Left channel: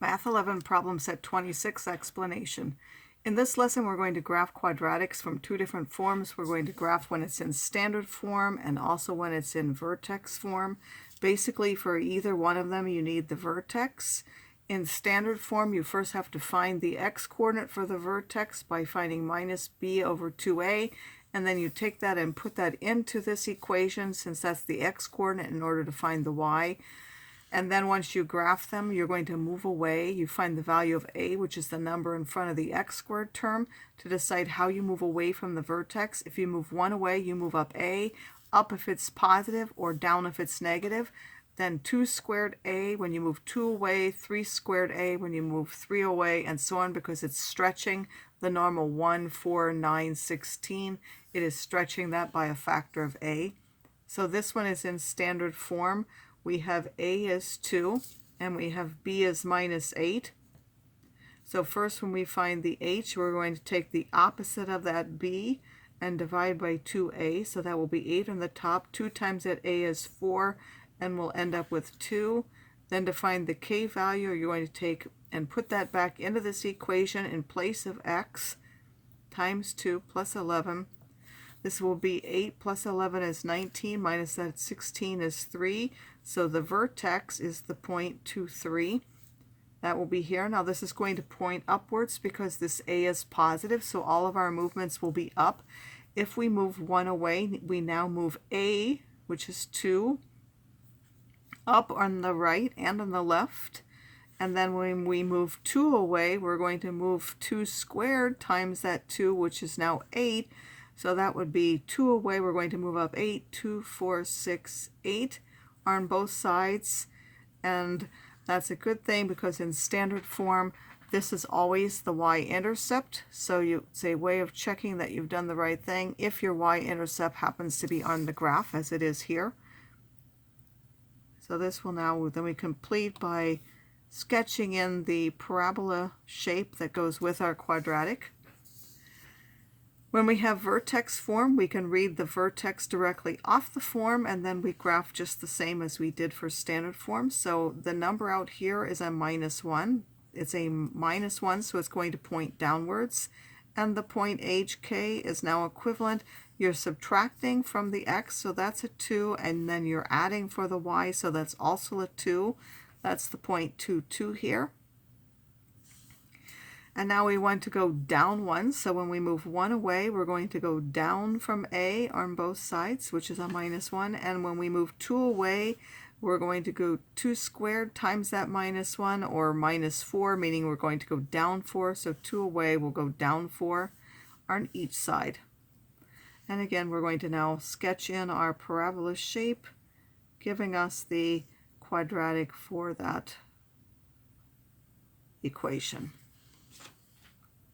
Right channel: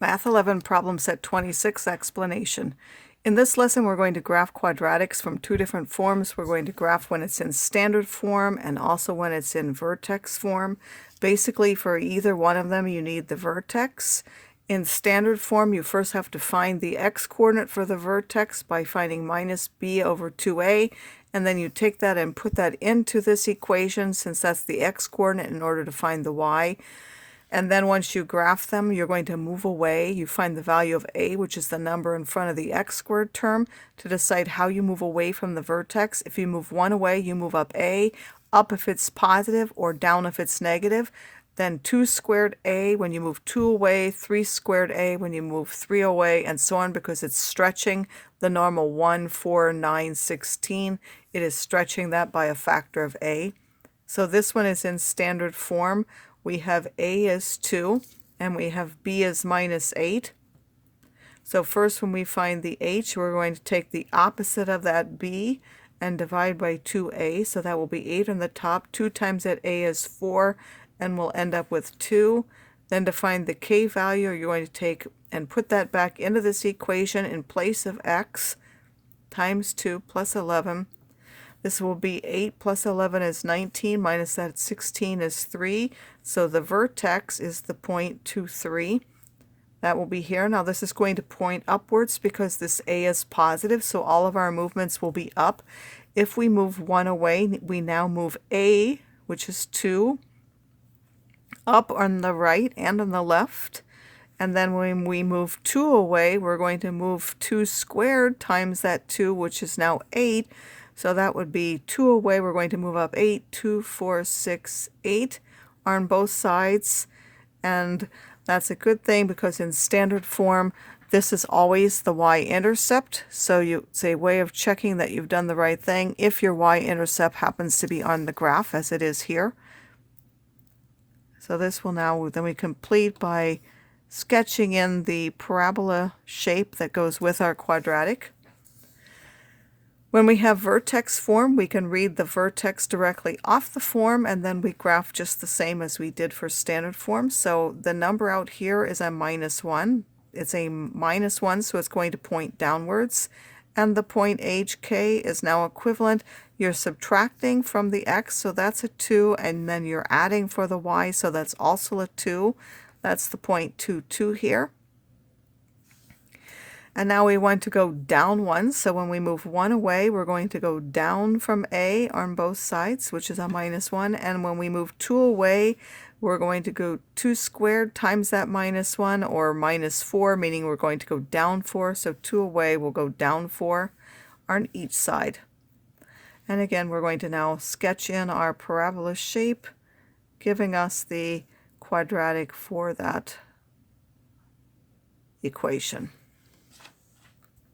Math 11 problem set 26 explanation. In this lesson, we're going to graph quadratics from two different forms. We're going to graph when it's in standard form and also when it's in vertex form. Basically, for either one of them, you need the vertex. In standard form, you first have to find the x-coordinate for the vertex by finding minus b over 2a, and then you take that and put that into this equation since that's the x-coordinate in order to find the y. And then once you graph them, you're going to move away. You find the value of a, which is the number in front of the x squared term, to decide how you move away from the vertex. If you move 1 away, you move up a, up if it's positive, or down if it's negative. Then 2 squared a when you move 2 away, 3 squared a when you move 3 away, and so on, because it's stretching the normal 1, 4, 9, 16. It is stretching that by a factor of a. So this one is in standard form. We have a as 2, and we have b as minus 8. So first, when we find the h, we're going to take the opposite of that b and divide by 2a, so that will be 8 on the top. 2 times that a is 4, and we'll end up with 2. Then to find the k value, you're going to take and put that back into this equation in place of x times 2 plus 11. This will be 8 plus 11 is 19, minus that 16 is 3. So the vertex is the point 2, 3. That will be here. Now this is going to point upwards because this a is positive, so all of our movements will be up. If we move 1 away, we now move a, which is 2, up on the right and on the left. And then when we move 2 away, we're going to move 2 squared times that 2, which is now 8. So that would be 2 away. We're going to move up 8, 2, 4, 6, 8 on both sides. And that's a good thing because in standard form, this is always the y-intercept. So it's a way of checking that you've done the right thing if your y-intercept happens to be on the graph, as it is here. So this will now, then we complete by sketching in the parabola shape that goes with our quadratic. When we have vertex form, we can read the vertex directly off the form, and then we graph just the same as we did for standard form. So the number out here is a minus 1. It's a minus 1, so it's going to point downwards. And the point hk is now equivalent. You're subtracting from the x, so that's a 2, and then you're adding for the y, so that's also a 2. That's the point 2, 2 here. And now we want to go down 1, so when we move 1 away, we're going to go down from a on both sides, which is a minus 1. And when we move 2 away, we're going to go 2 squared times that minus 1, or minus 4, meaning we're going to go down 4. So 2 away will go down 4 on each side. And again, we're going to now sketch in our parabola shape, giving us the quadratic for that equation.